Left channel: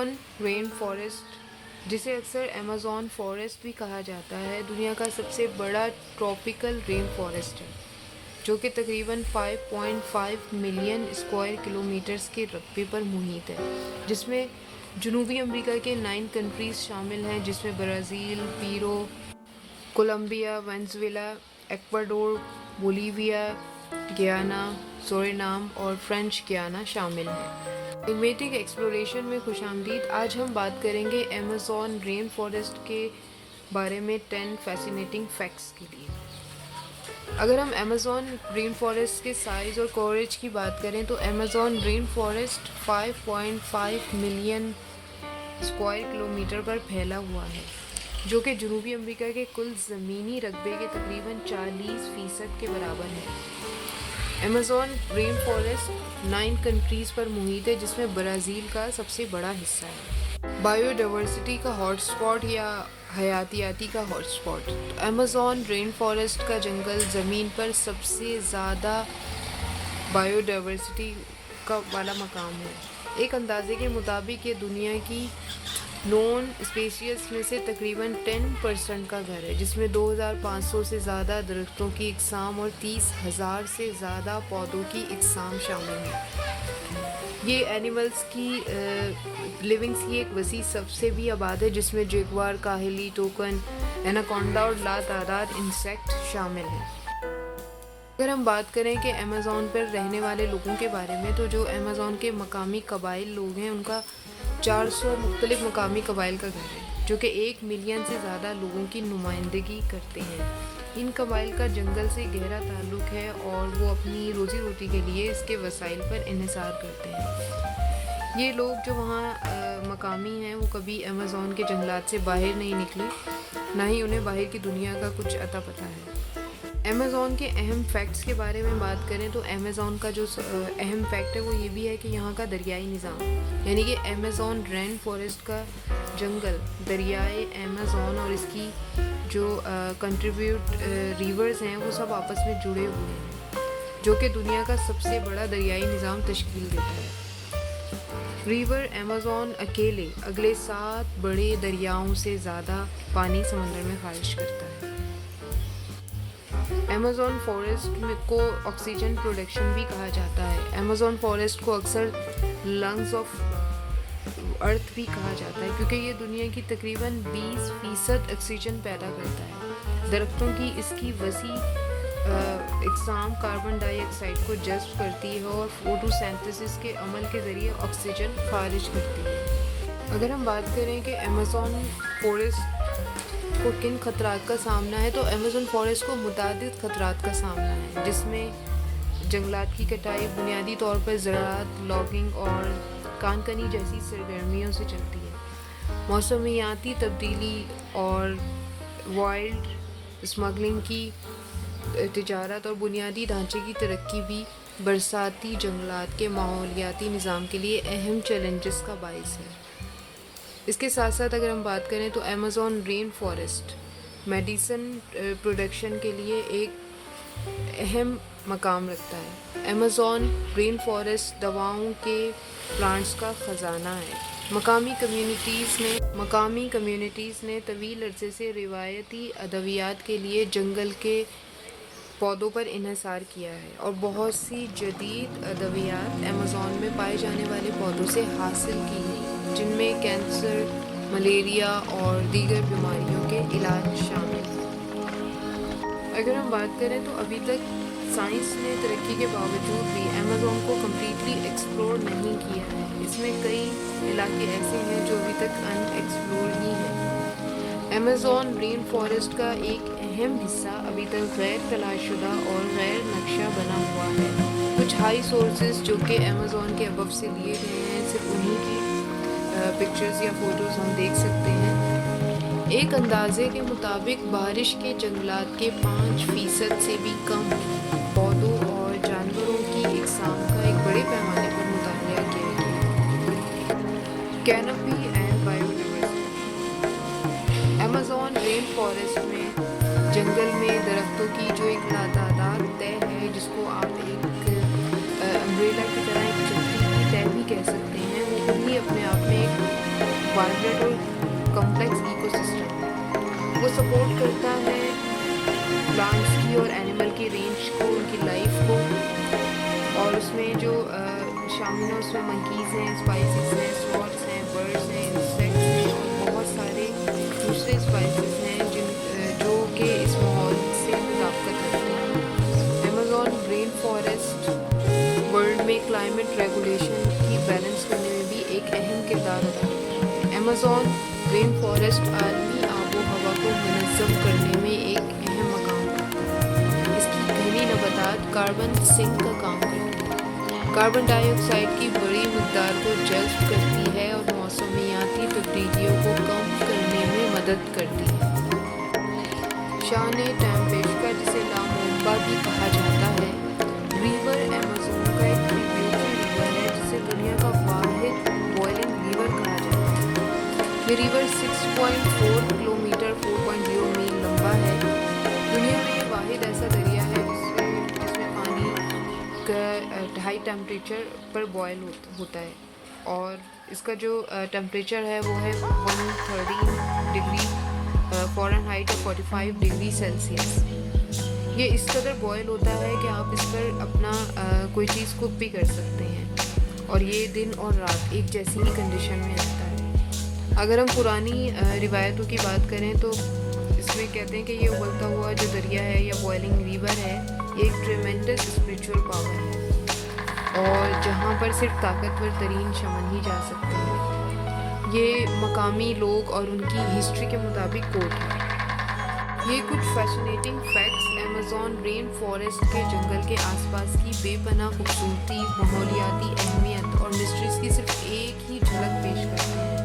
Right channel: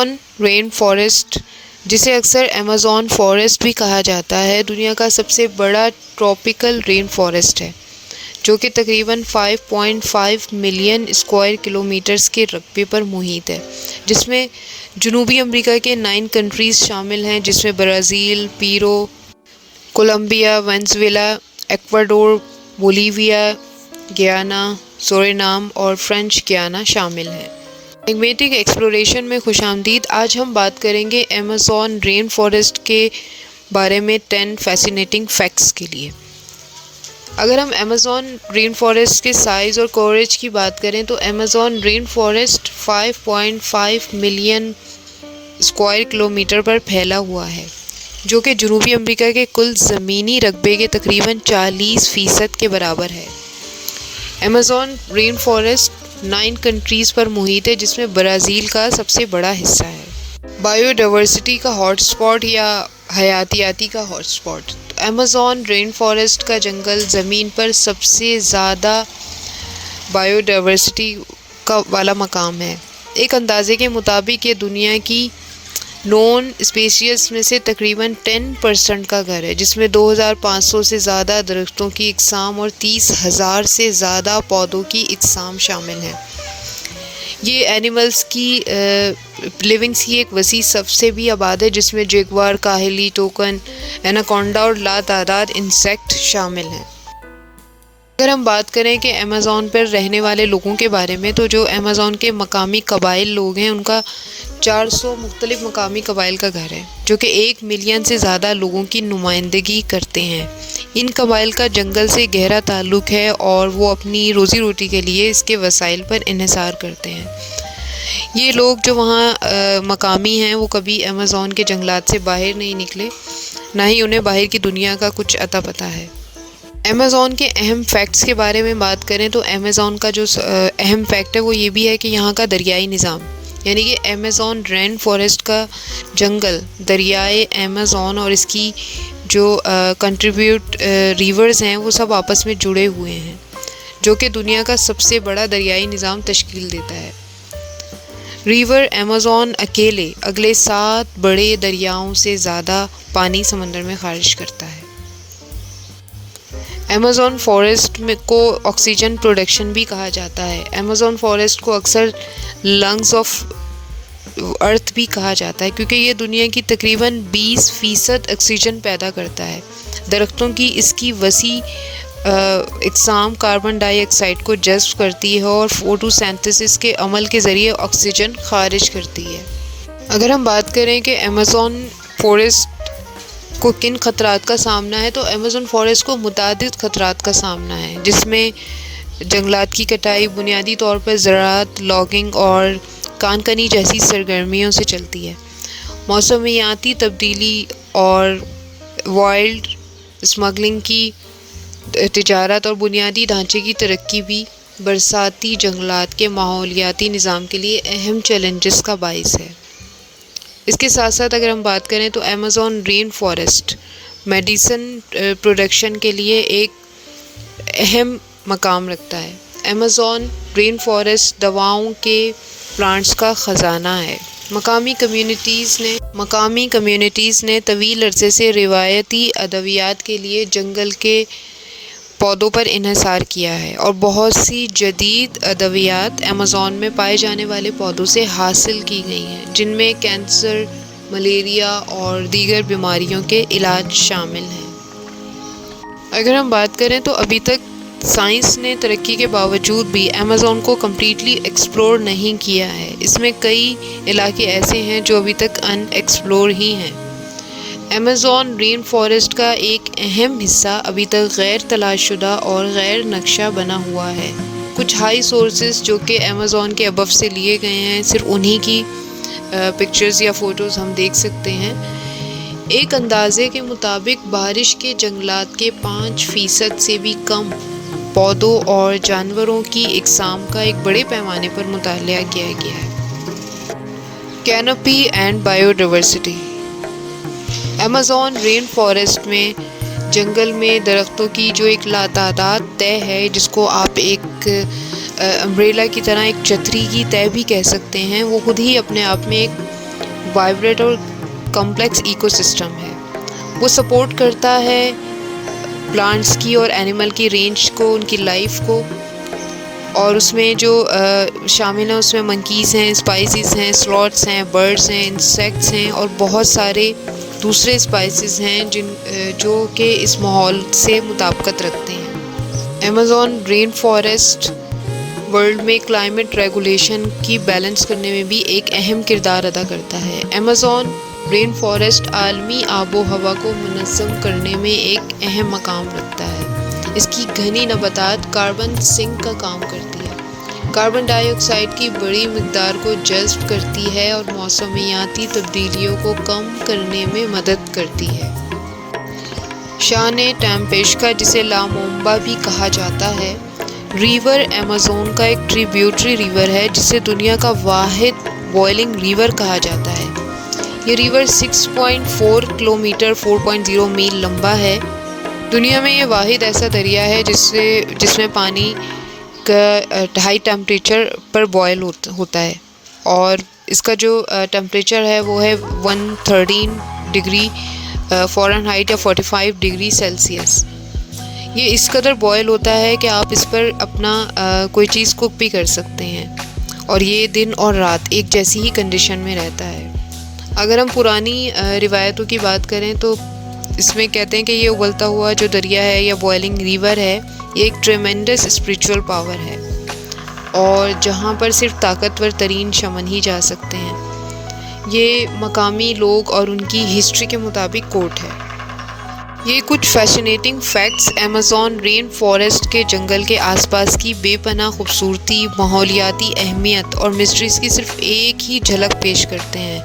Amazon rain forest, جسے اکثر Amazon forest بھی کہا جاتا ہے، دنیا کا سب سے بڑا ٹراپیکل رین فارسٹ ہے، جو کہ تقریباً 5.5 ملین اسکوائر کلومیٹرز کے رقبے پر محیط ہے، جس میں جنوبی امریکہ کے 9 کنٹریز شامل ہیں، جس میں Brazil, Peru, Colombia, Venezuela, Ecuador, Bolivia, Guyana, Suriname اور فرینچ گیانا شامل ہیں۔ میگمیٹک ایکسپلوریشن میں خوش آمدید۔ آج ہم بات کریں گے ایمیزون رین فارسٹ کے بارے میں 10 فیسینیٹنگ فیکٹس کے لیے۔ اگر ہم ایمیزون رین فارسٹ کے سائز اور کوریج کی بات کریں تو ایمیزون رین فارسٹ 5.5 ملین اسکوائر کلومیٹر پر پھیلا ہوا ہے، جو کہ جنوبی امریکہ کے کل زمینی رقبے کے تقریباً 40% کے برابر ہے۔ ایمیزون رین فارسٹ 9 کنٹریز پر محیط ہے، جس میں برازیل کا سب سے بڑا حصہ ہے۔ بائیو ڈائیورسٹی کا ہاٹ اسپاٹ یا حیاتیاتی کا hotspot. Amazon rain forest کا جنگل زمین پر سب سے زیادہ بائیو ڈائیورسٹی والا مقام ہے۔ ایک اندازے کے مطابق یہ دنیا کی نون اسپیشیز میں سے تقریباً 10% کا گھر ہے، جس میں 2500 سے زیادہ درختوں کی اقسام اور 30,000 سے زیادہ پودوں کی اقسام شامل ہیں۔ یہ اینیملز کی لیونگز کی ایک وسیع سب سے بھی آباد ہے، جس میں جیگوار، کاہلی، ٹوکن، ایناکونڈا اور لاتعداد انسیکٹ شامل ہیں۔ اگر ہم بات کریں کہ ایمیزون پر رہنے والے لوگوں کے بارے میں، تو جو ایمیزون کے مقامی قبائل لوگ ہیں، ان کا 400 مختلف مقامی قبائل کا گھر ہے، جو کہ 1 ملین سے زیادہ لوگوں کی نمائندگی کرتے ہیں۔ ان قبائل کا جنگل سے گہرا تعلق ہے اور وہ اپنی روزی روٹی کے لیے اس کے وسائل پر انحصار کرتے ہیں۔ یہ لوگ جو وہاں مقامی ہیں، وہ کبھی ایمیزون کے جنگلات سے باہر نہیں نکلے، نہ ہی انہیں باہر کی دنیا کا کچھ اتا پتہ ہے۔ ایمیزون کے اہم فیکٹس کے بارے میں بات کریں تو ایمیزون کا جو اہم فیکٹ ہے وہ یہ بھی ہے کہ یہاں کا دریائی نظام، یعنی کہ ایمیزون رین فارسٹ کا جنگل دریائے ایمیزون اور اس کی جو کنٹریبیوٹ ریورز ہیں وہ سب آپس میں جڑے ہوئے ہیں، جو کہ دنیا کا سب سے بڑا دریائی نظام تشکیل دیتا ہے۔ ریور ایمیزون اگلے 7 بڑے دریاؤں سے زیادہ پانی سمندر میں خارج کرتا ہے۔ ایمیزون فارسٹ کو آکسیجن پروڈکشن بھی کہا جاتا ہے۔ ایمیزون فارسٹ کو اکثر لنگز آف ارتھ بھی کہا جاتا ہے، کیونکہ یہ دنیا کی تقریباً 20% آکسیجن پیدا کرتا ہے۔ درختوں کی اس کی وسیع اقسام کاربن ڈائی آکسائڈ کو جذب کرتی ہے اور فوٹو سینتھسس کے عمل کے ذریعے آکسیجن خارج کرتی ہے۔ اگر ہم بات کریں کہ ایمیزون فارسٹ کو کن خطرات کا سامنا ہے، تو ایمیزون فارسٹ کو متعدد خطرات کا سامنا ہے، جس میں جنگلات کی کٹائی بنیادی طور پر زراعت، لاگنگ اور کان کنی جیسی سرگرمیوں سے چلتی ہے۔ موسمیاتی تبدیلی اور وائلڈ اسمگلنگ کی تجارت اور بنیادی ڈھانچے کی ترقی بھی برساتی جنگلات کے ماحولیاتی نظام کے لیے اہم چیلنجز کا باعث ہے۔ اس کے ساتھ ساتھ اگر ہم بات کریں تو Amazon rain forest medicine production کے لیے ایک اہم مقام رکھتا ہے۔ ایمیزون رین فارسٹ دواؤں کے پلانٹس کا خزانہ ہے۔ مقامی کمیونٹیز نے طویل عرصے سے روایتی ادویات کے لیے جنگل کے پودوں پر انحصار کیا ہے، اور بہت سی جدید ادویات ایمیزون میں پائے جانے والے پودوں سے حاصل کی گئی ہیں، جن میں کینسر، ملیریا اور دیگر بیماریوں کے علاج شامل ہیں۔ اگر ہم بات کریں تو ابھی تک سائنس نے ترقی کے باوجود بھی ایمیزون کو کمپلیٹلی ایکسپلور نہیں کیا ہے۔ اس میں کئی علاقے ایسے ہیں جو ابھی تک ان ایکسپلور ہی ہیں۔ ایمیزون رین فارسٹ کا ایک اہم حصہ ابھی تک غیر تلاش شدہ اور غیر نقشہ بنا ہوا ہے۔ کچھ ہائی سورسز جو کہ ایمیزون کے ابو سے لیے گئے ہیں، صرف انہی کی پکچرز یا فوٹوز ہم دیکھ سکتے ہیں۔ ایک اندازے کے مطابق بارش کے جنگلات کے 5% سے بھی کم پودوں اور جانوروں کی اقسام کا ایک بڑے پیمانے پر مطالعہ کیا گیا ہے۔ Canopy and biodiversity. Amazon rain forest میں جنگل میں درختوں کی جو ایک لاتعداد تہ ہے، جس کو آپ ایک امبریلا کی طرح، ایک چھتری کی تہ بھی کہہ سکتے ہیں، وہ خود ہی اپنے آپ میں ایک وائبریٹ اور کمپلیکس ایکو سسٹم ہے۔ وہ سپورٹ کرتا ہے پلانٹس کی اور اینیمل کی رینج کو، ان کی لائف کو، اور اس میں جو شامل ہیں اس میں منکیز ہیں، اسپائسیز ہیں، سلوتھس ہیں، برڈس ہیں، انسیکٹس ہیں اور بہت سارے دوسرے اسپائسیز ہیں جو کہ اس ماحول سے مطابقت رکھتے ہیں۔ ایمیزون رین فارسٹ ورلڈ میں کلائمیٹ ریگولیشن کی بیلنس کرنے میں بھی ایک اہم کردار ادا کرتا ہے۔ ایمیزون رین فارسٹ عالمی آب و ہوا کو منظم کرنے میں ایک اہم مقام رکھتا ہے۔ اس کی گھنی نباتات کاربن سنک کا کام کرتی ہے، کاربن ڈائی آکسائڈ کی بڑی مقدار کو جذب کرتی ہے اور موسمیاتی تبدیلیوں کو کم کرنے میں مدد کرتی ہے۔ شان ٹیمپیشکا، جسے لامومبا بھی کہا جاتا ہے، ریور ایمیزون کا ایک ٹریبیوٹری ریور ہے جسے دنیا کا واحد بوائلنگ ریور کہا جاتا ہے۔ یہ ریور 6.4 کلومیٹر 4.0 میل لمبا ہے۔ دنیا میں یہ واحد ایسا دریا ہے جس میں پانی کا ہائی ٹیمپریچر پر بوائل ہوتا ہے، اور اس کا جو ٹیمپریچر ہے وہ ہے 113 ڈگری فارنہائٹ یا 45 ڈگری سیلسیس۔ یہ اس قدر بوائل ہوتا ہے کہ آپ اس پر اپنا کوئی چیز کوک بھی کر سکتے ہیں، اور یہ دن اور رات ایک جیسی ہی کنڈیشن میں رہتا ہے۔ اگر ہم پرانی روایتوں کی بات کریں تو اس میں کہتے ہیں کہ یہ اگلتا ہوا جو دریا ہے یا بوائلنگ ریور ہے، یہ ایک ٹریمنڈس اسپریچول پاور ہے، اور جہاں پر صرف طاقتور ترین شمن ہی جا سکتے ہیں۔ یہ مقامی لوگ اور ان کی ہسٹری کے مطابق کوٹ ہے۔ یہ کچھ فیشنیٹنگ فیکٹس ایمیزون رین فارسٹ کے جنگل کے آس پاس کی بے پناہ خوبصورتی، ماحولیاتی اہمیت اور مسٹریز کی صرف ایک ہی جھلک پیش کرتے ہیں۔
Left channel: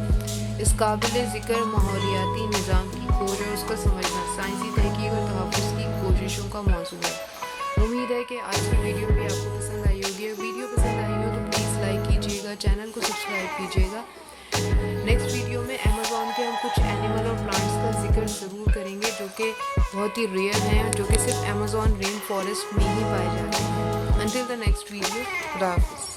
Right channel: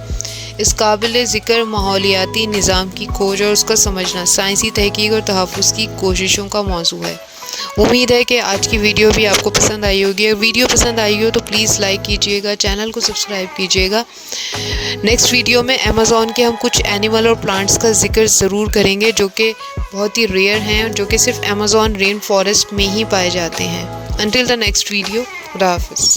اس قابل ذکر ماحولیاتی نظام کی کھوج اور اس کا سمجھنا سائنسی تحقیق اور تحفظ کی کوششوں کا موضوع ہے۔ امید ہے کہ آج کی ویڈیو بھی آپ کو پسند آئی ہوگی۔ اگر ویڈیو پسند آئی ہو تو پلیز لائک کیجیے گا، چینل کو سبسکرائب کیجیے گا۔ نیکسٹ ویڈیو میں ایمیزون کے ہم کچھ اینیمل اور پلانٹس کا ذکر ضرور کریں گے جو کہ بہت ہی ریئر ہیں، جو کہ صرف ایمیزون رین فارسٹ میں ہی پائے جاتے ہیں۔ انٹل دا نیکسٹ ویڈیو، خدا حافظ۔